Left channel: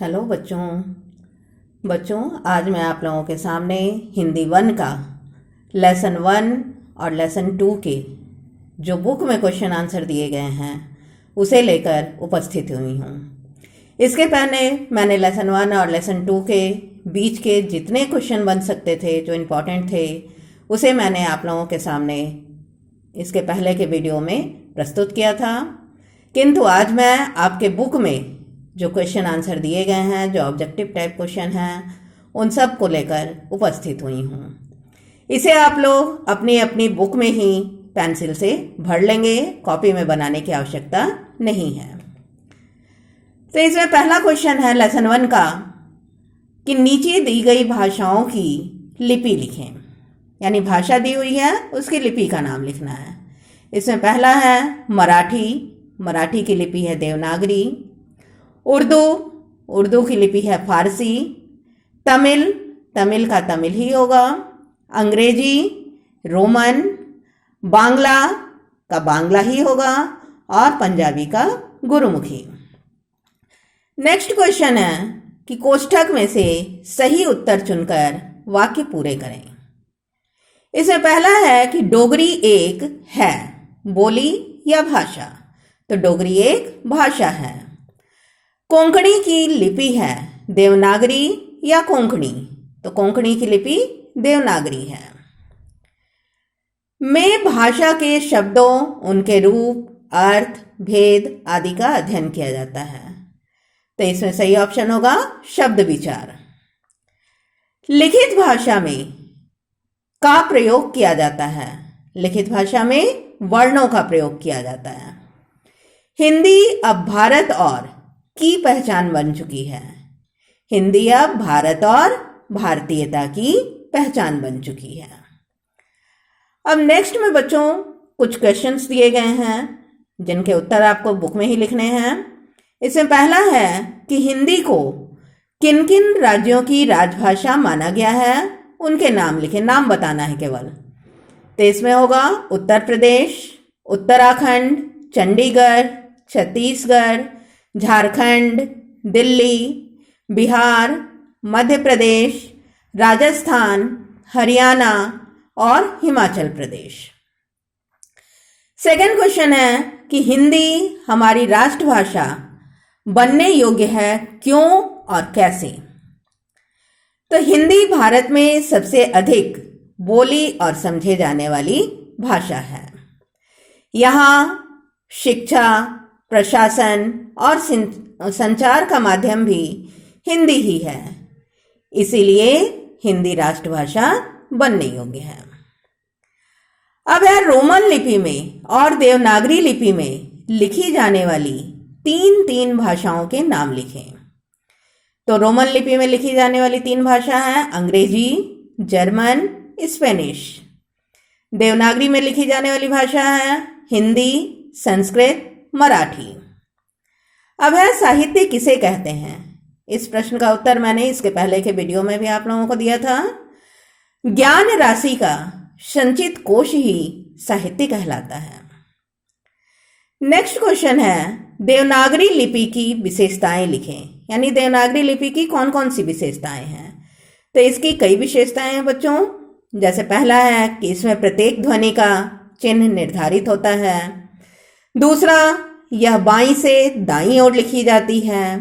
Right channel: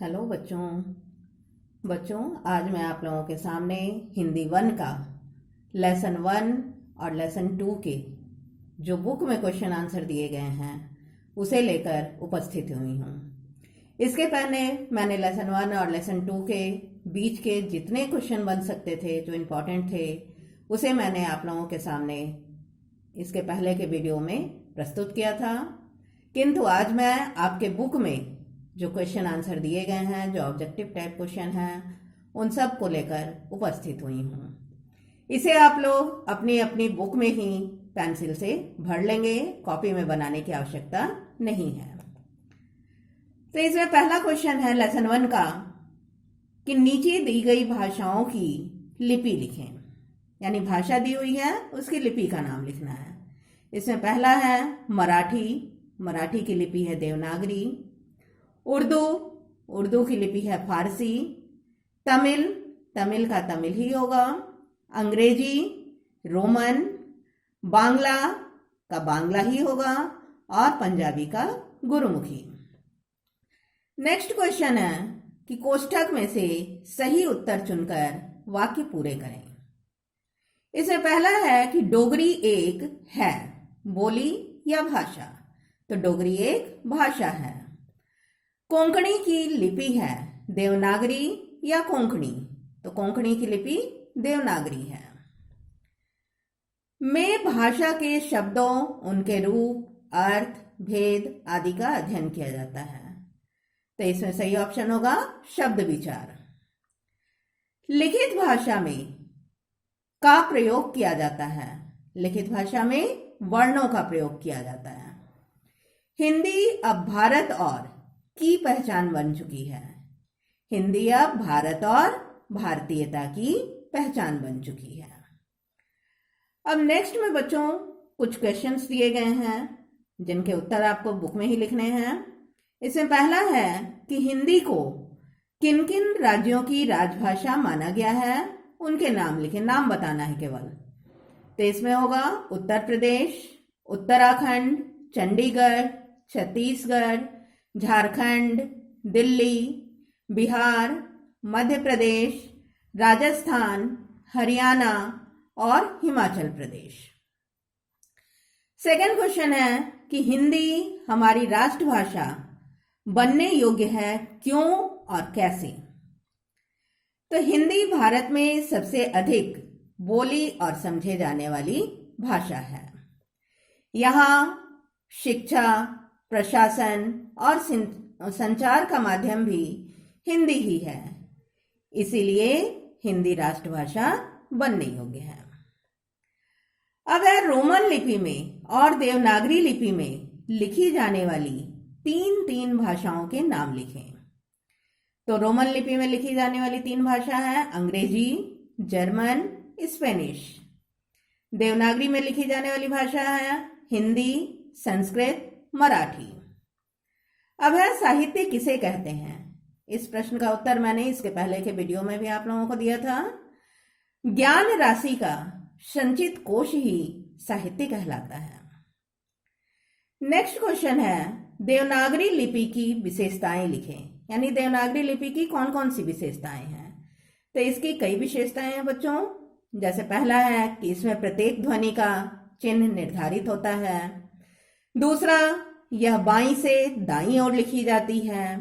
Hello बच्चों आज मैं आप लोगों के सामने हिंदी 1 का लेसन 1 और लेसन 2 के जो बुक में क्वेश्चन आंसर दिए गए हैं उसे लेकर उपस्थित हुई हूँ। इसके पहले मैंने लेसन 1 और लेसन 2 के बीच के जितने क्वेश्चन बन सकते थे जो इम्पोर्टेंट थे उसे मैंने आप लोगों के सामने इसके पहले के वीडियो में प्रस्तुत किया था, किंतु आज मैं आपके बुक में जो क्वेश्चन आंसर दिए गए हैं, जो ऑब्जेक्टिव टाइप क्वेश्चन हैं, उन सब को लेकर उपस्थित हुई हूँ। इसे आप लोग अपनी अपनी बुक में ही पेंसिल से भर लेंगे, कॉपी में बनाने की आवश्यकता नहीं है। तो इसमें पहला क्वेश्चन है लेसन 1 का कि नीचे दी गई भाषाओं की लिपि लिखें, यानी भाषा दी हुई है उसकी लिपि का नाम लिखना है। इसमें पहला है मराठी की लिपि है देवनागरी। उर्दू की लिपि है फारसी। तमिल का तमिल ही होगा। अंग्रेजी, रोमन, बांग्ला का बांग्ला ही होगा और पंजाबी का गुरुमुखी। नेक्स्ट क्वेश्चन है कि कोष्ठक में से सही उत्तर चुनकर वाक्य पूरे करें। इसमें पहला है कि डोगरी एक है बोली या भाषा, तो डोगरी एक भाषा है। कोंकणी की लिपि है देवनागरी या कोंकणी, तो कोंकणी की लिपि देवनागरी है। में भाषा के शब्दों, उनके रूप, अर्थ, भेद आदि का अध्ययन किया जाता है, तो इसमें सही ऑप्शन होगा शब्द विचार। लिखित भाषा में का प्रयोग किया जाता है, लिखित भाषा में वर्णों का प्रयोग किया जाता है। हिंदी अब भारत और की पहचान बन चुकी है। हिंदी अब भारत और भारतीयता की पहचान बन चुकी है। अब नेक्स्ट में बच्चों कुछ क्वेश्चंस दिए गए हैं जिनके उत्तर आपको बुक में ही लिखने हैं। इसमें पहला है कि हिंदी को किन किन राज्यों की राजभाषा माना गया है, उनके नाम लिखें, नाम बताना है केवल। तो इसमें होगा उत्तर प्रदेश, उत्तराखंड, चंडीगढ़, छत्तीसगढ़, झारखंड, दिल्ली, बिहार, मध्य प्रदेश, राजस्थान, हरियाणा और हिमाचल प्रदेश। सेकंड क्वेश्चन है कि हिंदी हमारी राष्ट्रभाषा बनने योग्य है, क्यों और कैसे। तो हिंदी भारत में सबसे अधिक बोली और समझे जाने वाली भाषा है। यहाँ शिक्षा, प्रशासन और संचार का माध्यम भी हिंदी ही है, इसीलिए हिंदी राष्ट्रभाषा बनने योग्य है। अब है रोमन लिपि में और देवनागरी लिपि में लिखी जाने वाली तीन भाषाओं के नाम लिखें। तो रोमन लिपि में लिखी जाने वाली 3 भाषा हैं अंग्रेजी, जर्मन, स्पेनिश। देवनागरी में लिखी जाने वाली भाषा है हिंदी, संस्कृत, मराठी। अब है साहित्य किसे कहते हैं। इस प्रश्न का उत्तर मैंने इसके पहले के वीडियो में भी आप लोगों को दिया था। ज्ञान राशि का संचित कोश ही साहित्य कहलाता है। नेक्स्ट क्वेश्चन है देवनागरी लिपि की विशेषताएं लिखें, यानी देवनागरी लिपि की कौन कौन सी विशेषताएं हैं। तो इसकी कई विशेषताएं हैं बच्चों। जैसे पहला है कि इसमें प्रत्येक ध्वनि का चिन्ह निर्धारित होता है। दूसरा, यह बाईं से दाईं ओर लिखी जाती है।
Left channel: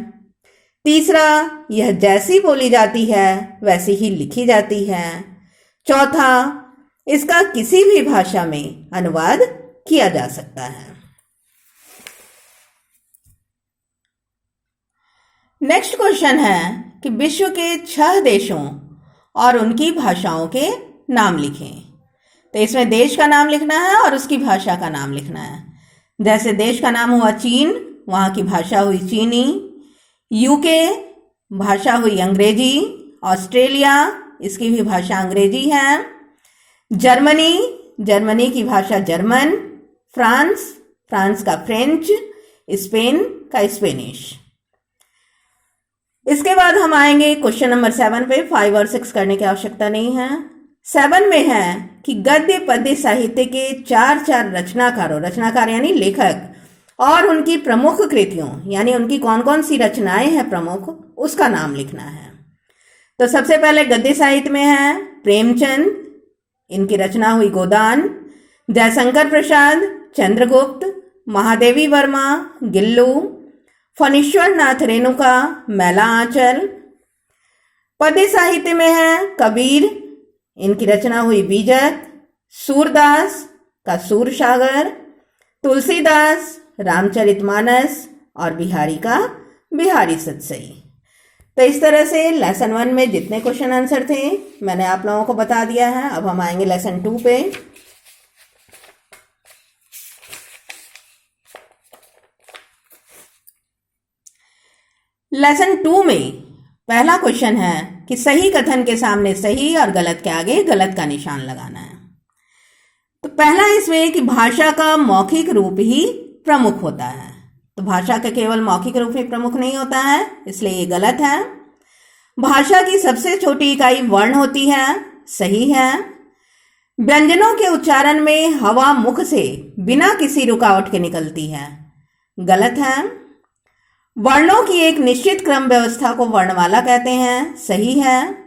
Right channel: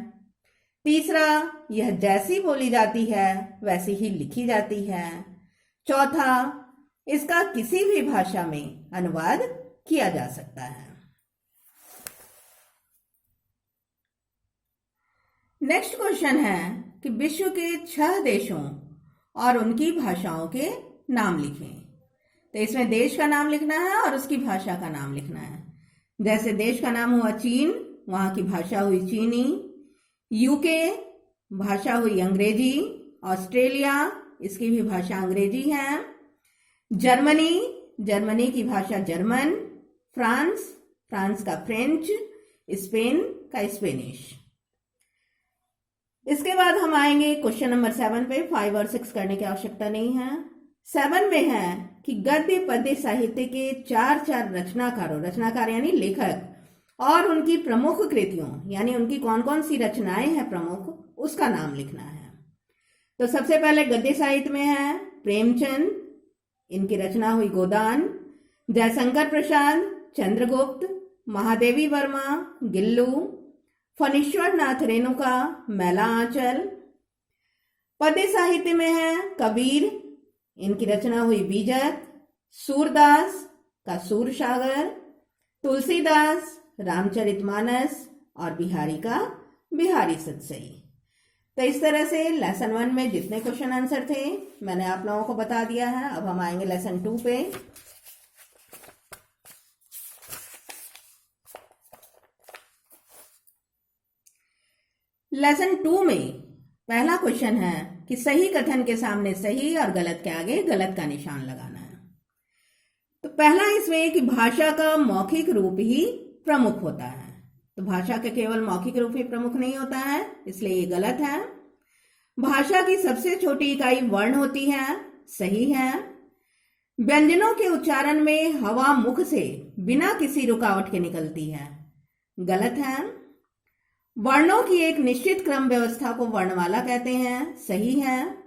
तीसरा, यह जैसी बोली जाती है वैसी ही लिखी जाती है। चौथा, इसका किसी भी भाषा में अनुवाद किया जा सकता है। नेक्स्ट क्वेश्चन है कि विश्व के 6 देशों और उनकी भाषाओं के नाम लिखें। तो इसमें देश का नाम लिखना है और उसकी भाषा का नाम लिखना है। जैसे देश का नाम हुआ चीन, वहाँ की भाषा हुई चीनी। यूके, भाषा हुई अंग्रेजी। ऑस्ट्रेलिया, इसकी भी भाषा अंग्रेजी है। जर्मनी की भाषा जर्मन। फ्रांस का फ्रेंच। स्पेन का स्पेनिश। इसके बाद हम आएंगे क्वेश्चन नंबर 7 पे। 5 और 6 करने की आवश्यकता नहीं है। 7 में है कि गद्य पद्य साहित्य के 4 रचनाकार यानी लेखक और उनकी प्रमुख कृतियों यानी उनकी कौन कौन सी रचनाएं हैं प्रमुख, उसका नाम लिखना है। तो सबसे पहले गद्य साहित्य में है प्रेमचंद, इनकी रचना हुई गोदान, जयशंकर प्रसाद, चंद्रगुप्त, महादेवी वर्मा, गिल्लू, फणीश्वर नाथ रेणुका, मैला आंचल। पद्य साहित्य में है कबीर, इनकी रचना हुई बीजक, सूरदास का सूरसागर, तुलसीदास रामचरितमानस और बिहारी का बिहारी सतसई। तो इस तरह से लेसन 1 में जितने क्वेश्चन आंसर थे मैंने आप लोगों को बता दिया है। अब हम आएंगे लेसन 2 पे। लेसन 2 में पहला क्वेश्चन है कि सही कथन के सामने सही और गलत के आगे गलत का निशान लगाना है। तो पहला इसमें कि भाषा का मौखिक रूप ही प्रमुख होता है। तो भाषा का केवल मौखिक रूप ही प्रमुख नहीं होता है, इसलिए ये गलत है। भाषा की सबसे छोटी इकाई वर्ण होती है, सही है। व्यंजनों के उच्चारण में हवा मुख से बिना किसी रुकावट के निकलती है, गलत है। वर्णों की एक निश्चित क्रम व्यवस्था को वर्णमाला कहते हैं, सही है।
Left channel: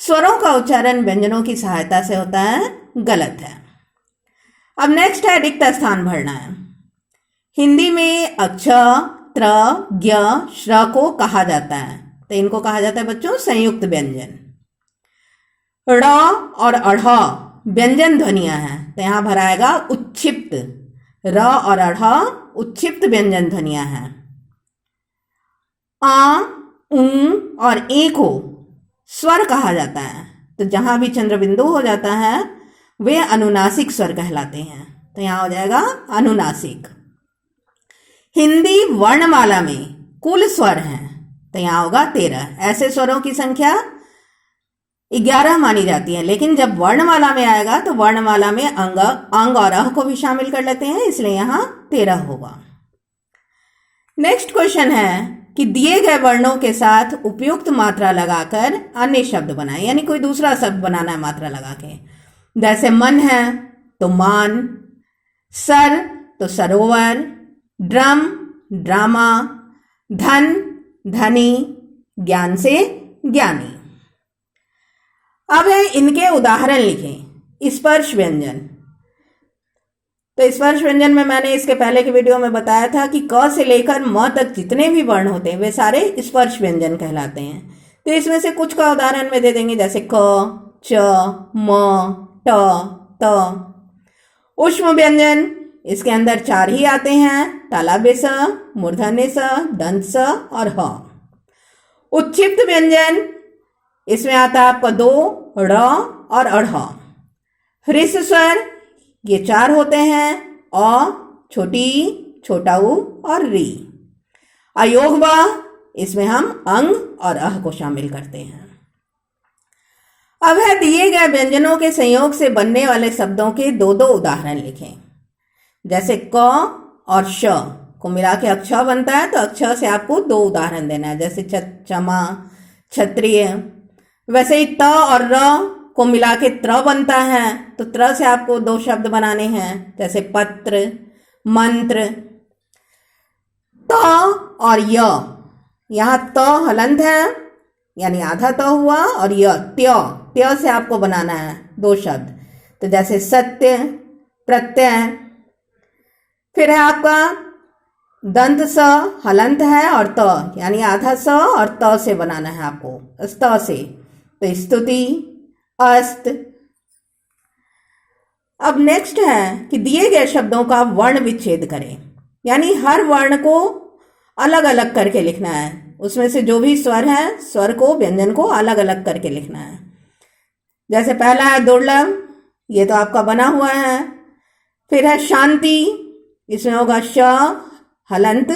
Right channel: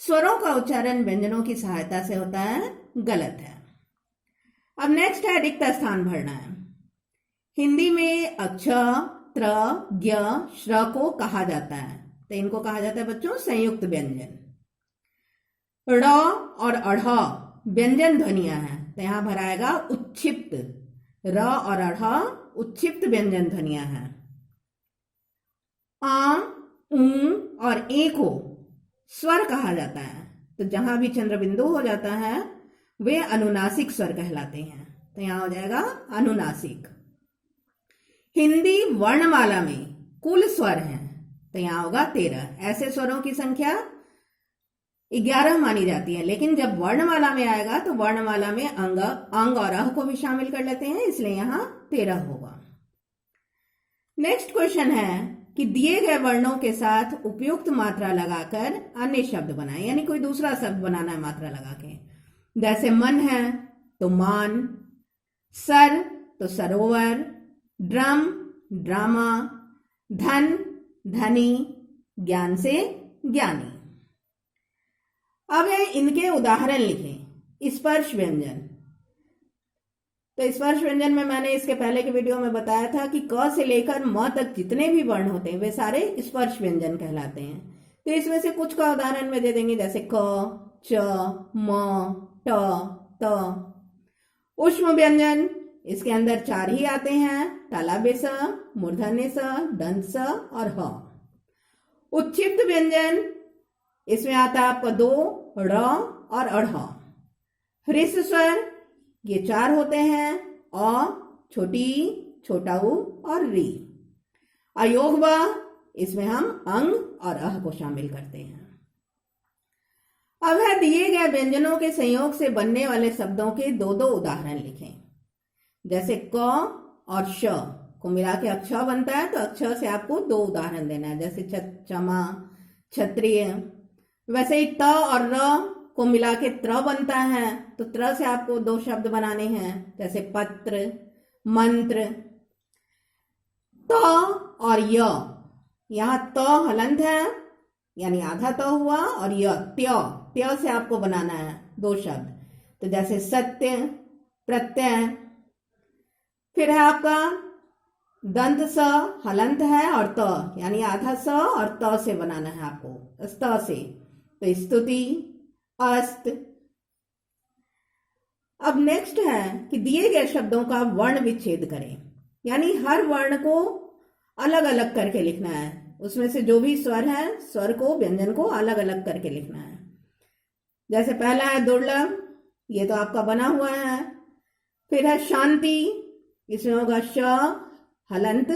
स्वरों का उच्चारण व्यंजनों की सहायता से होता है, गलत है। अब नेक्स्ट है रिक्त स्थान भरना है। हिंदी में अक्ष, त्र, ज्ञ, श्र को कहा जाता है, तो इनको कहा जाता है बच्चों संयुक्त व्यंजन। ड़ और अढ़ व्यंजन ध्वनियां हैं, तो यहां भराएगा उच्छिप्त। र और अढ़ उच्छिप्त व्यंजन ध्वनियां हैं। आ, ऊ और ए को स्वर कहा जाता है, तो जहां भी चंद्र बिंदु हो जाता है वे अनुनासिक स्वर कहलाते हैं, तो यहां हो जाएगा अनुनासिक। हिंदी वर्णमाला में कुल स्वर हैं, तो यहां होगा 13। ऐसे स्वरों की संख्या 11 मानी जाती है, लेकिन जब वर्णमाला में आएगा तो वर्णमाला में अंग और अह को भी शामिल कर लेते हैं, इसलिए यहां 13 होगा। नेक्स्ट क्वेश्चन है कि दिए गए वर्णों के साथ उपयुक्त मात्रा लगाकर अन्य शब्द बनाएं, यानी कोई दूसरा शब्द बनाना है मात्रा लगा के। जैसे मन है तो मान, सर तो सरोवर, ड्रम ड्रामा, धन धनी, ज्ञान से ज्ञानी। अब है इनके उदाहरण लिखें। स्पर्श व्यंजन, तो स्पर्श व्यंजन में मैंने इसके पहले के वीडियो में बताया था कि क से लेकर म तक जितने भी वर्ण होते हैं वे सारे स्पर्श व्यंजन कहलाते हैं। तो इसमें से कुछ का उदाहरण में दे देंगे, जैसे क, च, म, ट, त। ऊष्म व्यंजन, इसके अंदर 4 ही आते हैं, तालव्य स, मूर्धन्य स, दंत स और ह। उच्छिप्त व्यंजन, इसमें आता है आपका 2, ड़ और अढ़। ह्रस्व स्वर, ये 4 होते हैं, अ, छोटी, छोटा उ और री। अयोग व, इसमें हम अंग और अह को शामिल करते हैं। अब है दिए गए व्यंजनों के संयोग से बनने वाले शब्दों के 2-2 उदाहरण लिखें। जैसे क और श को मिला के अक्ष बनता है, तो अक्ष से आपको 2 उदाहरण देना है, जैसे क्षमा, क्षत्रिय। वैसे ही त और र को मिला के त्र बनता है, तो त्र से आपको 2 शब्द बनाने हैं, जैसे पत्र, मंत्र। त और य, यहाँ त हलंत है यानी आधा त हुआ, और य त्य से आपको बनाना है 2 शब्द, तो जैसे सत्य, प्रत्यय। फिर है आपका दंत स हलंत है और त यानी आधा स और त से बनाना है आपको, स्त से, तो स्तुति, अस्त। अब नेक्स्ट है कि दिए गए शब्दों का वर्ण विच्छेद करें, यानी हर वर्ण को अलग अलग करके लिखना है। उसमें से जो भी स्वर है, स्वर को, व्यंजन को अलग अलग करके लिखना है। जैसे पहला है दुर्लभ, ये तो आपका बना हुआ है। फिर है शांति, इसमें होगा श हलंत,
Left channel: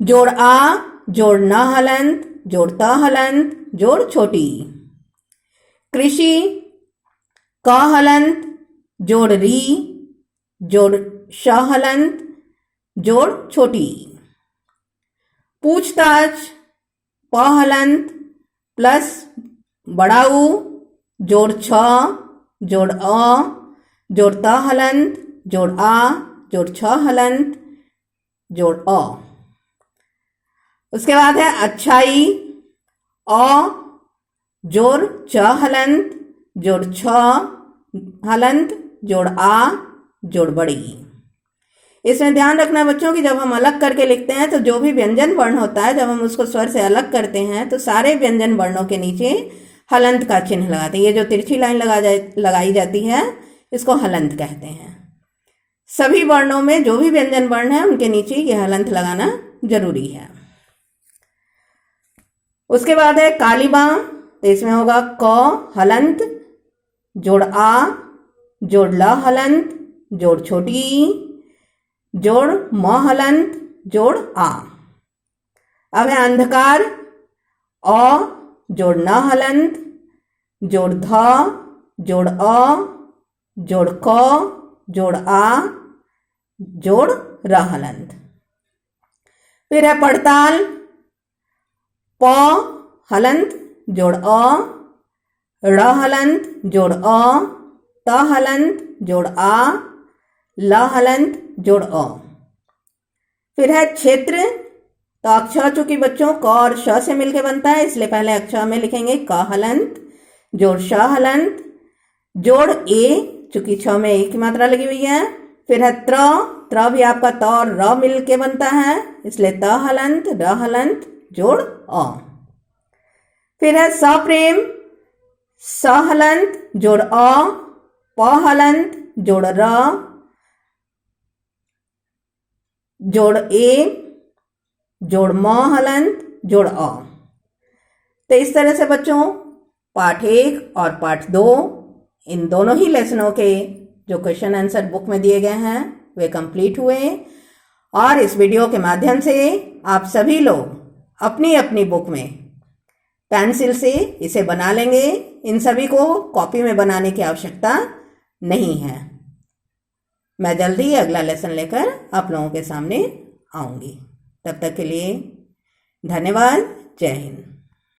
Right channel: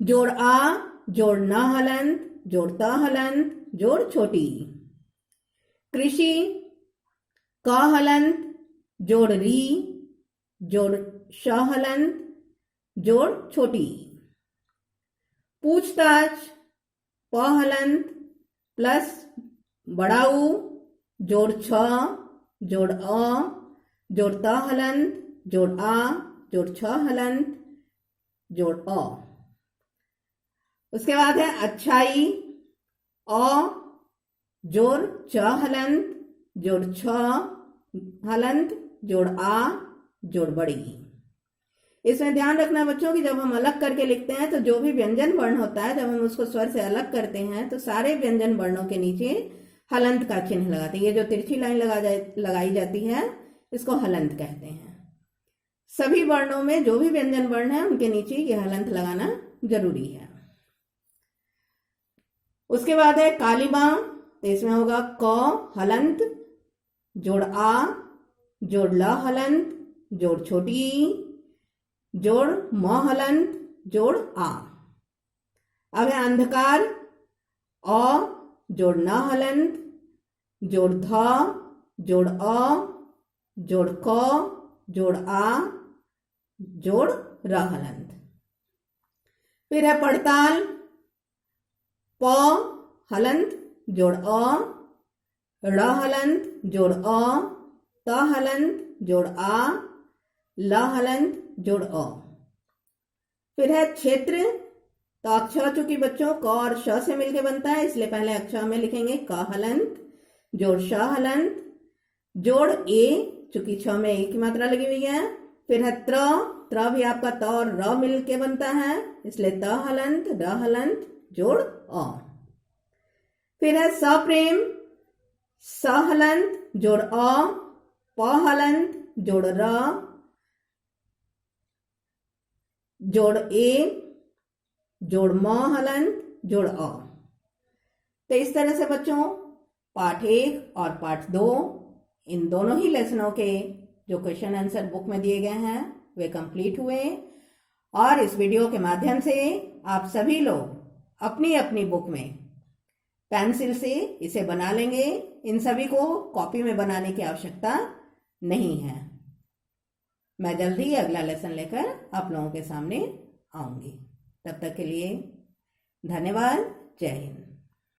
जोड़ आ, जोड़ न हलंत, जोड़ त हलंत, जोड़ छोटी। कृषि, क हलंत, जोड़ री, जोड़ श हलंत, जोड़ छोटी। पूछताछ, प हलंत प्लस बड़ा उ, जोड़ छ, जोड़ अ, जोड़ त हलंत, जोड़ आ, जोड़ छ हलंत, जोड़ अ। उसके बाद है अच्छाई, अ जोड़ च हलंत जोड़ छ हलंत जोड़ आ जोड़ बड़ी। इसमें ध्यान रखना बच्चों कि जब हम अलग करके लिखते हैं तो जो भी व्यंजन वर्ण होता है, जब हम उसको स्वर से अलग करते हैं तो सारे व्यंजन वर्णों के नीचे हलंत का चिन्ह लगाते हैं। ये जो तिरछी लाइन लगाई जाती है इसको हलंत कहते हैं। सभी वर्णों में जो भी व्यंजन वर्ण है उनके नीचे ये हलंत लगाना जरूरी है। उसके बाद है कालिबा, तो इसमें होगा क हलंत जोड़ आ जोड़ ल हलंत जोड़ छोटी ई जोड़ म हलंत जोड़ आ। अब है अंधकार, अ जोड़ न हलंत जोड़ ध जोड़ अ जोड़ क जोड़ आ जोड़ र हलंत। फिर है पड़ताल, प हलंत जोड़ अ ड़ हलंत जोड़ अ त हलंत जोड़ आ ल हलंत जोड़ अ। फिर है क्षेत्र, तो अक्षर चूंकि बच्चों क और श से मिलकर बनता है इसलिए पहले अक्षर में लिखेंगे क हलंत जोड़ श हलंत जोड़ ए, चूंकि छ में एक की मात्रा लगी हुई है। फिर है त्र भी आपका त और र मिल के बनता है इसलिए त हलंत र हलंत जोड़ अ। फिर है सप्रेम, स हलंत जोड़ अ प हलंत जोड़ र जोड़ ए जोड़ म हलंत जोड़ अ। तो इस तरह से बच्चों पाठ 1 और पाठ 2 इन दोनों ही लेसनों के जो क्वेश्चन आंसर बुक में दिए गए हैं वे कंप्लीट हुए। और इस वीडियो के माध्यम से आप सभी लोग अपनी अपनी बुक में पेंसिल से इसे बना लेंगे। इन सभी को कॉपी में बनाने की आवश्यकता नहीं है। मैं जल्दी ही अगला लेसन लेकर आप लोगों के सामने आऊँगी। तब तक के लिए धन्यवाद। जय हिंद।